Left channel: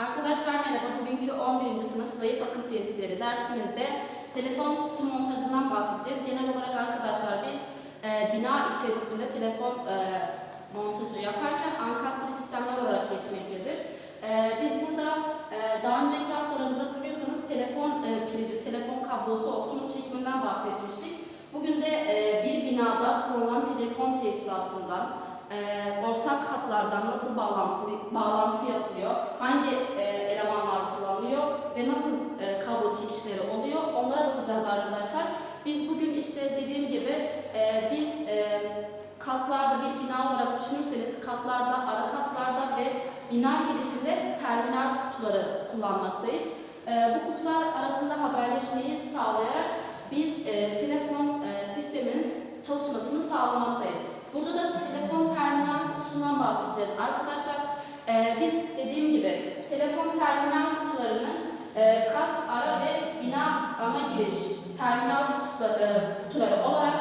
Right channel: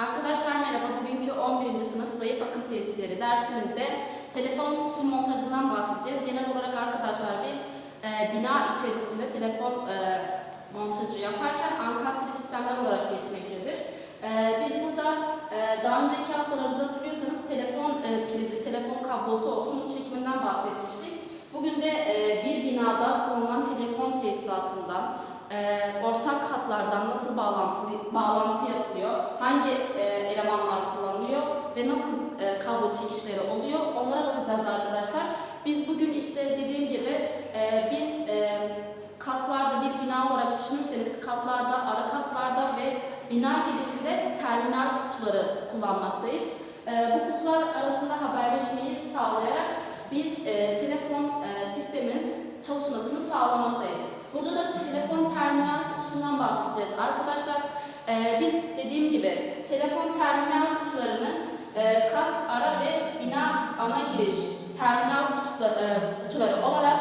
Arkadaşlar merhaba. Bugünkü 11. sınıf zayıf akım tesisleri dersimizde telefon kutusu montajından bahsedeceğiz. Genel olarak arkadaşlar biz e, bina içerisinde telefon e, montajı yaparken ankastre sistemler olarak geçmektedir. E, biz burada e, daha önceki haftalarımızda hatırlıyorsanız telefon e, prizi, telefon kablosu olsun çekiminden bahsetmiştik. Bugün de e, bir binada kullanılan telefon tesisatından, e, ortak hatlardan nasıl bağlantı, bağlantı yapılıyor, hangi e, elemanlar kullanılıyor ve nasıl e, kablo çekişleri oluyor onlara bakacağız arkadaşlar. Biz bugün işte dediğim gibi e, biz e, katlarda bir bina olarak düşünürseniz katlarda, ara katlarda ve bina girişinde terminal kutuları kullanmaktayız. E, bu kutular arasında haberleşmeyi sağlayarak biz e, telefon e, sistemimiz çalışmasını sağlamaktayız. Burada da telefon terminal kutusundan bahsedeceğiz. Arkadaşlar e, biz dediğim gibi telefon terminal kutularını e, kat, ara ve bina ana giriş terminal kutuları, e, kutuları olarak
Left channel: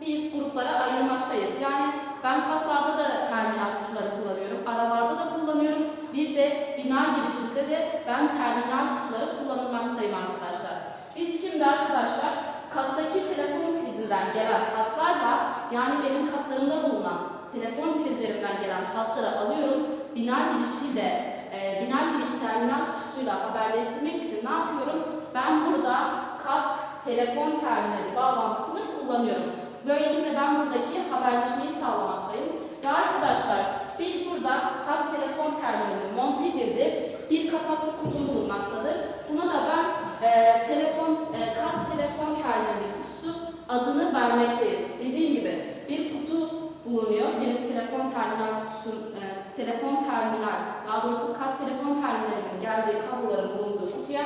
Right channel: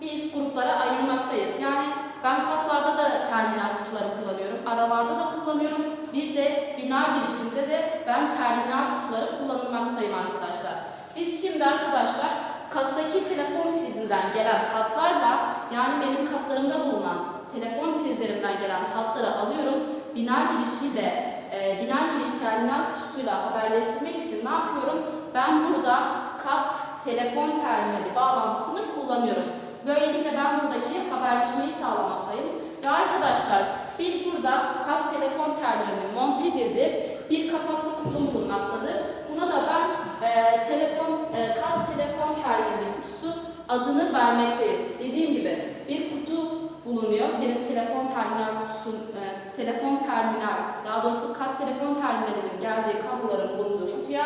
biz gruplara ayırmaktayız. Yani ben katlarda da terminal kutuları kullanıyorum, aralarda da kullanıyorum. Bir de bina girişinde de ben terminal kutuları kullanılmaktayım arkadaşlar. Biz şimdi arkadaşlar kattaki telefon prizinden gelen hatlarla yani benim katlarımda bulunan telefon prizlerimden gelen hatları alıyorum. Bina girişi de e, bina giriş terminal kutusuyla haberleştirmek için ne yapıyorum? Ben burada kat telefon terminali bağlantısını kullanıyorum. Böylelikle ben buradaki haberleşmeyi sağlamaktayım. Ve arkadaşlar biz burada kat telefon terminali monte edildi. Bir kapaklı adını vermekteyim. Dediğim gibi bir kutu bulunuyor. Bir telefon terminal kutusu, e, telefon terminal, daha doğrusu kat telefon terminalimin geldiği kabloların bulunduğu kutuya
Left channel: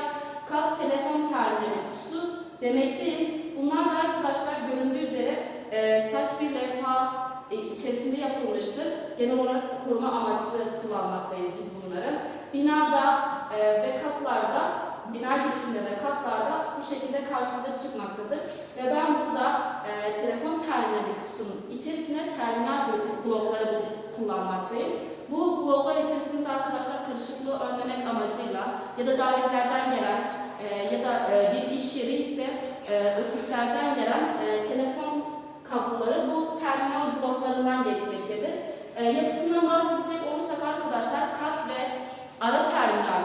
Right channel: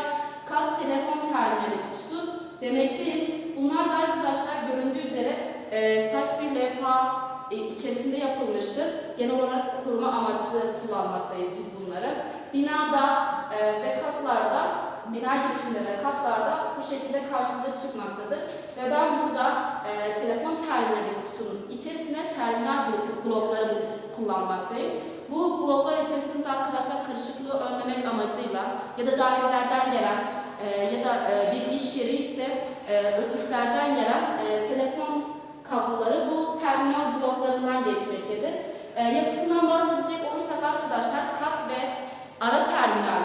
kat telefon terminali kutusu demekteyim. Bunlar da arkadaşlar göründüğü üzere e, saç bir levha e, içerisinde yapılmıştır. Genel olarak koruma amaçlı kullanmaktayız biz bunları. Binada e, ve katlarda, bina girişinde ve katlarda bu şekilde karşımıza çıkmaktadır. Ve ben burada e, telefon terminali kutusunun içerisine terminal blo- blokları kullanmaktayım. Bu bloklar içerisinde arkadaşlar karışıklığı önlemek amacıyla ya da dairelerden gelen e, ya da e, bir iş yeri ise e, ofislerden gelen e, telefon kabloları bu terminal bloklarından geçmektedir. E, yapısından bahsedecek olursak arkadaşlar kat ve ara terminal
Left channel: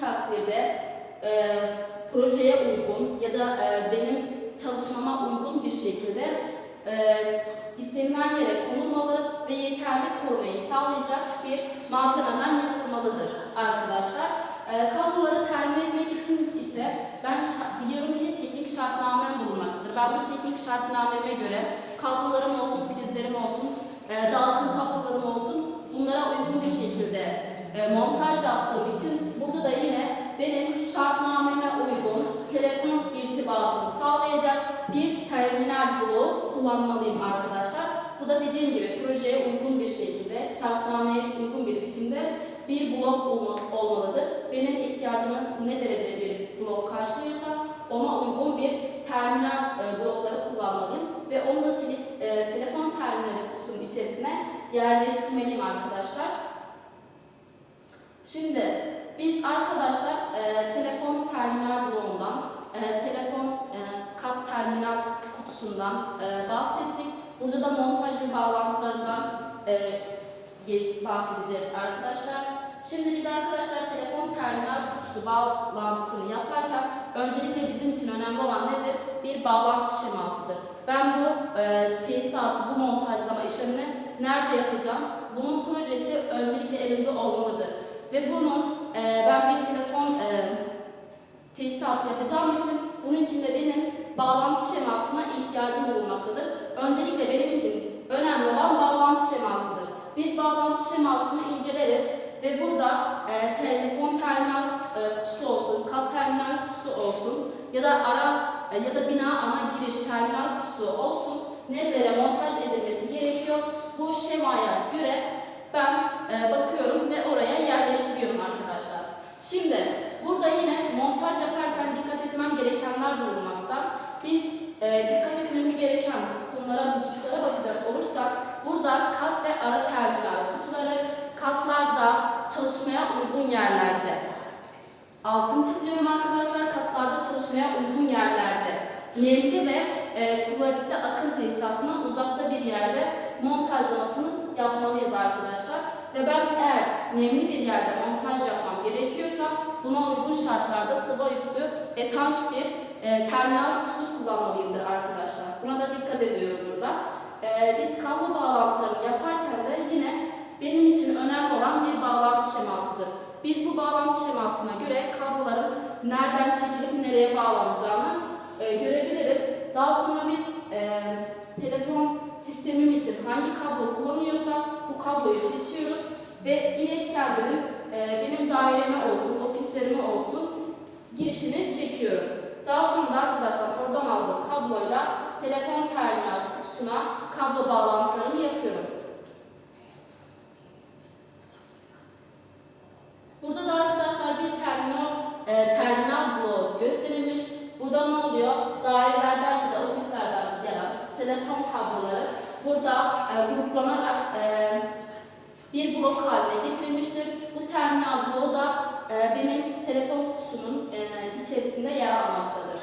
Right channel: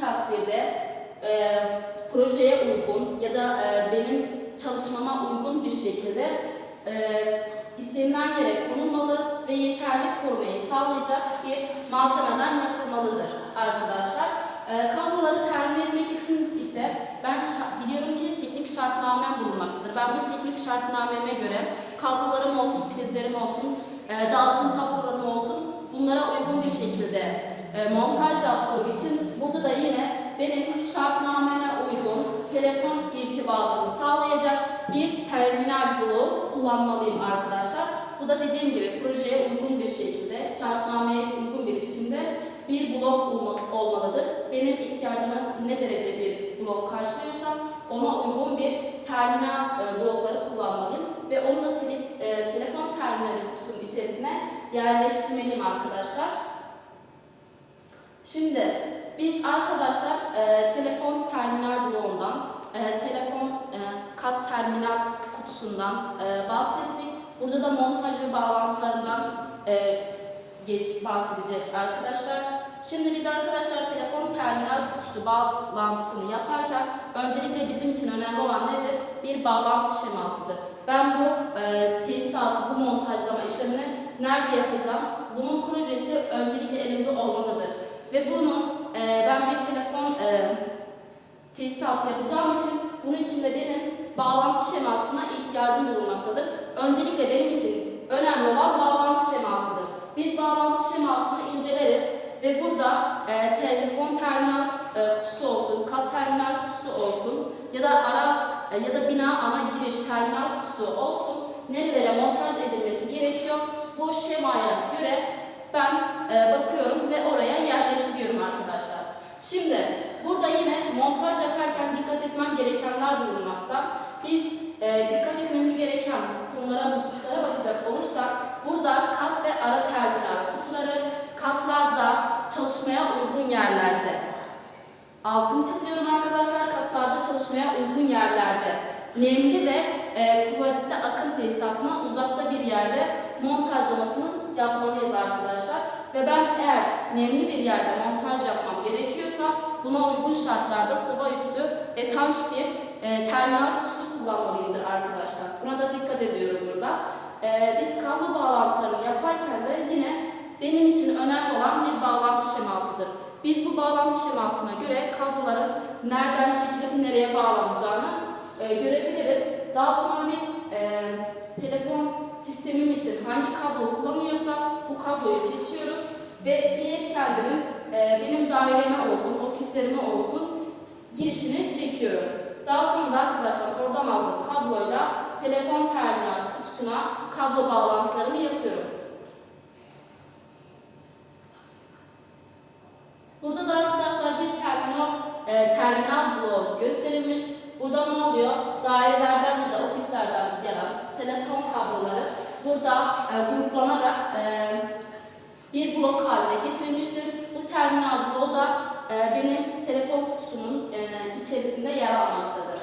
takdirde e, projeye uygun ya da e, benim çalışmama uygun bir şekilde e, istenilen yere konulmalı ve yeterli korumayı sağlayacak bir malzemeden yapılmalıdır arkadaşlar. E, kabloları termin etmek için ise ben biliyorum ki teknik şartnamem bulunmaktadır. Ben bu teknik şartnameme göre kablolarım olsun, prizlerim olsun, e, dağıtım tablolarım olsun bunlara uygun bir şekilde e, montaj yaptığım için burada da yine benim şartnameme uygun telefon irtibatını sağlayacak bir terminal bloğu kullanmalıyım arkadaşlar. Bu da dediğim gibi projeye uygun bir şekilde, şartnameye uygun bir biçimde bir blok olma- olmalıdır. Benim ihtiyacıma ne derece bir blok karşılıyorsa ona uygun bir terminal e, blokları kullanmalıyım ve onu da tele- e, telefon terminali kutusunun içerisine yerleştirmeliyim arkadaşlar. Şimdi biz arkadaşlar e, telefon terminal bloğundan, e, telefon e, kat terminal kutusundan e, bahsettik. Burada da montaj ve bağlantılarından e, bahsedeceğiz arkadaşlar. Şimdi biz arkadaşlar telefon terminal kutusu bağlantısını yaparken öncelikle bizim için önemli olan nedir? Bir bağlantı şemasıdır. Ben bu e, tesisatı, bu montajlama işlemini nerede yapacağım? Bunun projesi öncelikle elimde olmalıdır. Ve bunun e, ben bir telefon e, tesisatı yapacağım için bunun için de benim bağlantı şemasına ihtiyacım bulunmaktadır. Öncelikle benim için önemli olan bağlantı şemasıdır. Biz bağlantı şemasını inceleriz ve burada e, telefon terminal e, kutusu olsun, kat terminal kutusu olsun ya da ara e, ya da bina ana giriş terminal kutusu olsun nerelere montaj edilmesi gerekiyor. Bu şemaya göre ben e, bakıyorum ve oraya yerleştiriyorum arkadaşlar. Şimdi burada yine montaj yaparken dikkat etmem gerekenler bulunmakta. Biz e, dikkat etmemiz gereken konulara, hususlara bakacak olursak burada kat ve ara terminal kutuları, katlar uygun yerlerde. Altın çiziyorum arkadaşlar. Katlarda çalışmaya uygun yerlerde. Nemli ve e, kuvvetli akım tesisatından uzakta bir yerde montajlamasını yapmalıyız arkadaşlar. Ve ben eğer nemli bir yerde montaj yapmam gerekiyorsa buna uygun şartlarda sıva üstü etanş bir e, terminal kutusu kullanmalıyımdır arkadaşlar. Buna da dikkat ediyorum burada. E, biz kablo bağlantılarını yaparken de yine benim için önemli olan bir bağlantı şemasıdır. Biz bu bağlantı şemasına göre kabloların nereden çekilip nereye bağlanacağını e, görebiliriz. Daha sonra biz e, telefon sistemim için hangi kablo kullanıyorsa bu kabloyu seçiyoruz ve iletkenlerin e, benim daireme olsun, ofislerime olsun girişini çekiyorum. Daha sonra da arkadaşlar oradan aldığım kabloyla telefon terminal kutusuna kablo bağlantılarını yapıyorum. Burada da arkadaşlar bir terminal e, terminal bloğu gösterilmiş. Burada ne oluyor? Dairelerden ya da ofislerden gelen telefon kabloları burada e, gruplanarak e, bir blok haline getirilmiştir. Bu terminal bloğu da e, benim telefon kutusunun e, içerisinde yer almaktadır.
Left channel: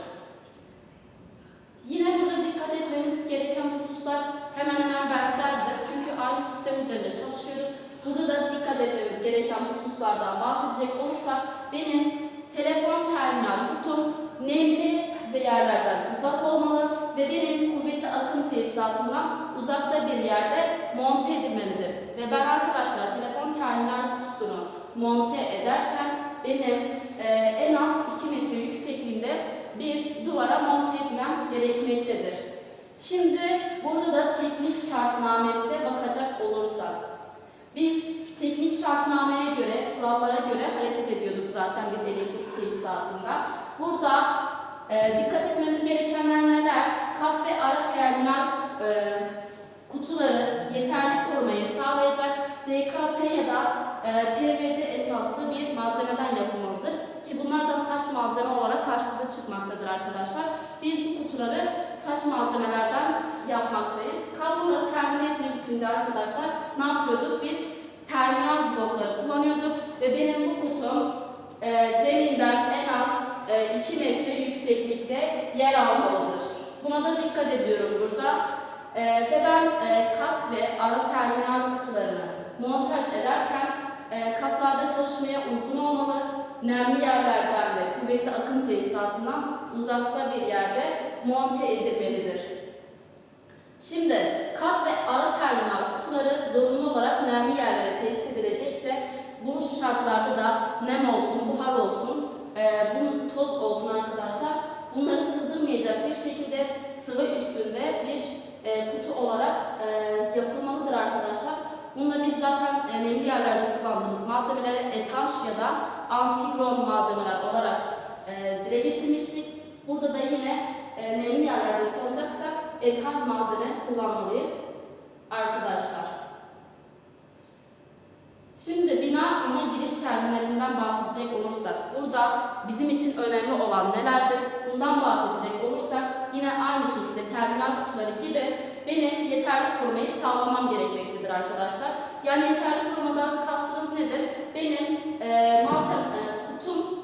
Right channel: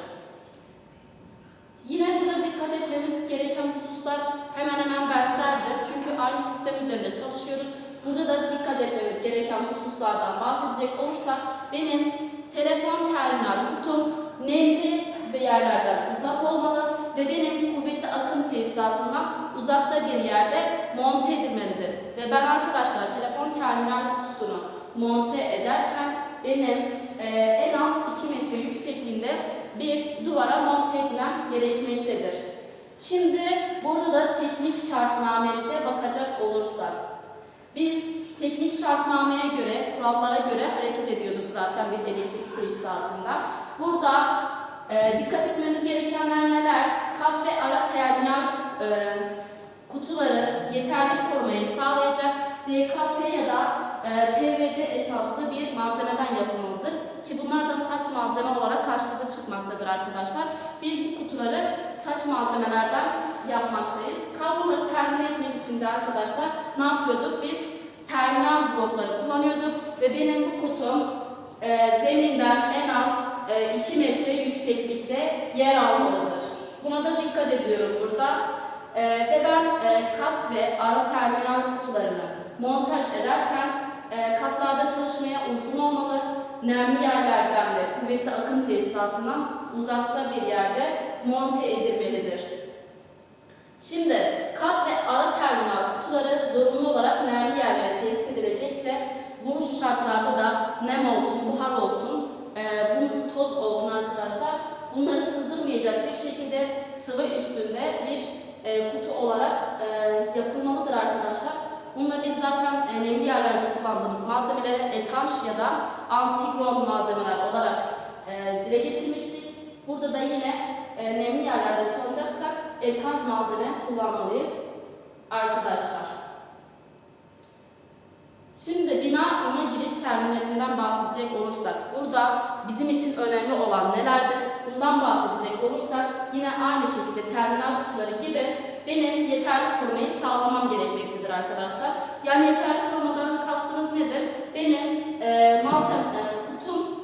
Yine burada dikkat etmemiz gereken hususlar hemen hemen benzerdir. Çünkü aynı sistem üzerinde çalışıyoruz. Burada da dikkat etmemiz gereken hususlardan bahsedecek olursak benim telefon terminal kutum nemli ve yerlerden uzak olmalı ve benim kuvvetli akım tesisatından uzakta bir yerde monte edilmelidir. Ve ben arkadaşlar telefon terminal kutusunu monte ederken benim e, en az 2 metre yüksekliğinde bir duvara monte etmem gerekmektedir. Şimdi burada da teknik şartnamemize bakacak olursak biz teknik şartnameye göre, kurallara göre hareket ediyorduk zaten bir elektrik tesisatında. Burada e, dikkat etmemiz gerekenler neler? Kat ve ara terminal e, kutuları yeterli korumayı sağlayacak DKP ya da e, PVC esaslı bir malzemeden yapılmalıdır. Ki bunlar da saç malzeme olarak karşımıza çıkmaktadır arkadaşlar. Biz bu kutuları saç malzemelerden yapmaktayız. Kabloları termin etmek için de arkadaşlar ne yapıyorduk? Biz terminal blokları kullanıyorduk ve benim bu kutum e, zeminden en az e, 2 metre yükseklikte yer almalıdır. Buna da dikkat ediyorum burada. E, ve ben e, kat ve ara terminal kutularını montaj ederken e, katlarda çalışmaya uygun olmalı, nemli yerlerden ve kuvvetli akım tesisatından uzakta bir yerde monte edilmelidir. Şimdi kat ve ara terminal kutuları zorunlu olarak nemli yerlere tesis edilecekse bu şartlarda da nem olsun, buhar olsun, e, bunun toz olsun arkadaşlar. Bunları sızdırmayacak bir şekilde sıvı üstünde bir e, kutu olarak e, yapılmalıdır arkadaşlar. Bununla biz zaten e, nemli yerlerde kullandığımız malzemeleri etanş ya da antigron malzemeler olarak e, dile getirmiştik. Burada da yine e, nemli yerlerde kullanacaksak etanş malzeme kullanmalıyız arkadaşlar. Şimdi bina ana giriş terminalinden bahsedecek olursak, burada bizim için önemli olan nelerdir? Bundan bahsedecek olursak yine aynı şekilde terminal kutuları gibi benim yeterli korumayı sağlamam gerekmektedir arkadaşlar. Yani yeterli korumadan kastımız nedir? Benim e, malzeme, e, kutum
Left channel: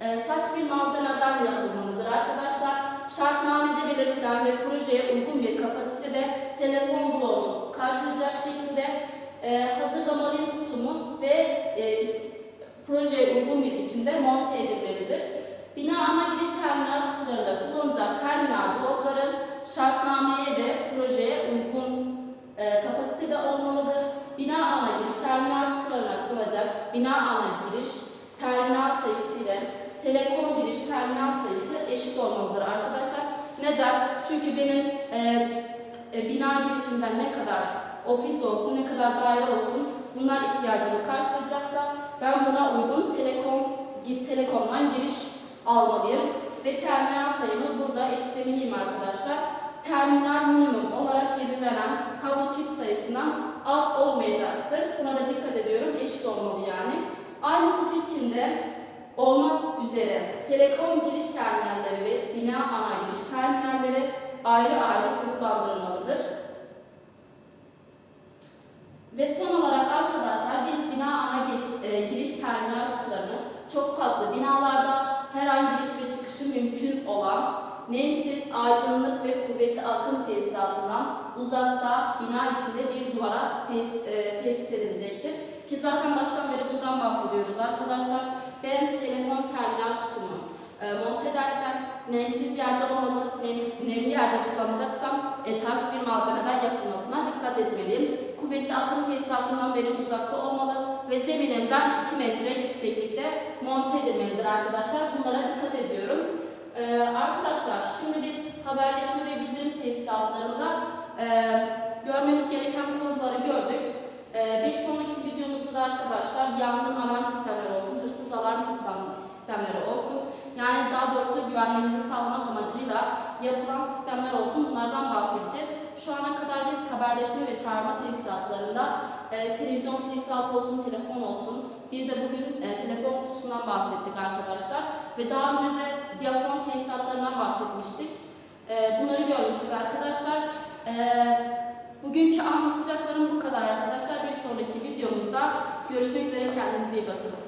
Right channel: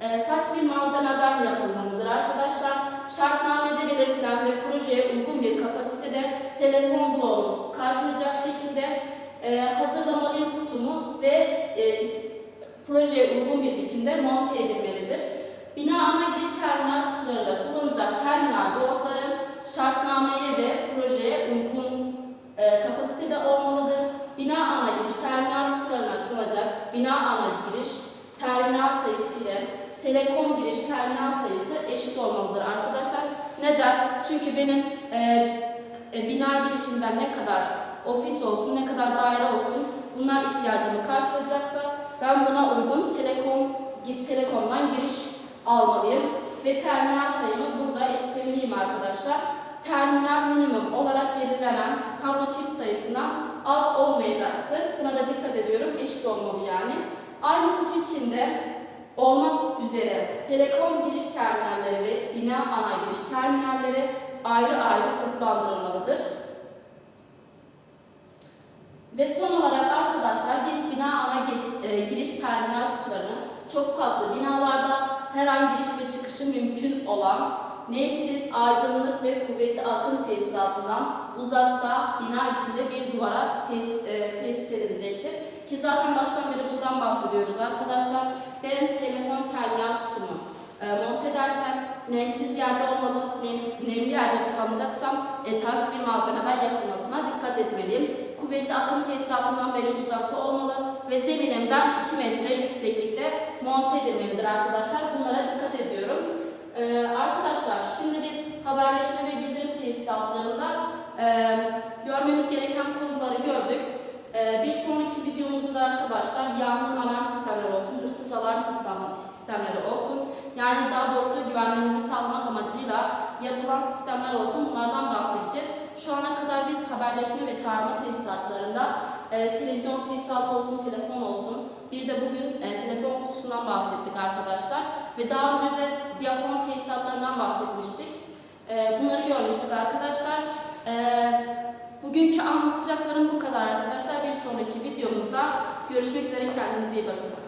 e, saç bir malzemeden yapılmalıdır arkadaşlar. Şartnamede belirtilen ve projeye uygun bir kapasitede telefon bloğunu karşılayacak şekilde e, hazırlamalıyım kutumu ve e, projeye uygun bir biçimde monte edilmelidir. Bina ana giriş terminal kutularıyla kullanılacak terminal blokların şartnameye ve projeye uygun e, kapasitede olmalıdır. Bina ana giriş terminal kutularına kurulacak bina ana giriş terminal sayısı ile telekom giriş terminal sayısı eşit olmalıdır arkadaşlar. Neden? Çünkü benim e, e, bina girişinden ne kadar ofis olsun, ne kadar daire olsun bunlar ihtiyacımı karşılayacaksa ben buna uygun telekom telekomdan giriş almalıyım ve terminal sayımı burada eşitlemeliyim arkadaşlar. Terminal minimum olarak belirlenen kablo çift sayısından az olmayacaktır. Buna da dikkat ediyorum. Eşit olmalı yani. Aynı kutu içinde olmak üzere telekom giriş terminalleri ve bina ana giriş terminalleri ayrı ayrı gruplandırılmalıdır. Ve son olarak arkadaşlar biz bina ana e, giriş terminal kutularını çok katlı binalarda her an giriş ve çıkışı mümkün olan nemsiz, aydınlık ve kuvvetli akım tesisatından uzakta bina içinde bir duvara tes, e, tesis edilecektir. Ki zaten baştan beri bundan bahsediyoruz arkadaşlar. Ben telefon terminal kutumu e, monte ederken nemsiz yerde olmalı, nemsiz, nemli yerde kullanacaksam etaj bir malzemeden yapılmasına dikkat etmeliyim. Kuvvetli akım tesisatından benim uzakta olmalı ve zeminimden 2 metre yükseklikte monte edilmelidir arkadaşlar. Bunlara dikkat ediyorum. Ee, arkadaşlar şimdi biz haberleşme ve bildirim tesisatlarında e, görmemiz gereken konuları gördük. Ee, bir sonraki videomuzda da arkadaşlar yangın alarm sistemleri olsun, hırsız alarm sistem, sistemleri olsun. Yani daha doğrusu güvenliğimizi sağlamak amacıyla yapılan sistemler olsun. Bunlardan bahsedeceğiz. Şu ana kadar biz haberleşme ve çağırma tesisatlarında e, televizyon tesisatı olsun, telefon olsun. Bir de bugün e, telefon kutusundan bahsettik arkadaşlar. Ve daha önce de diyafon tesisatlarından bahsetmiştik. E, bunları görmüştük arkadaşlar. E, bugünkü anlatacaklarım bu kadar arkadaşlar. Bir sonraki videomuzda görüşmek üzere. Kendinize iyi bakın.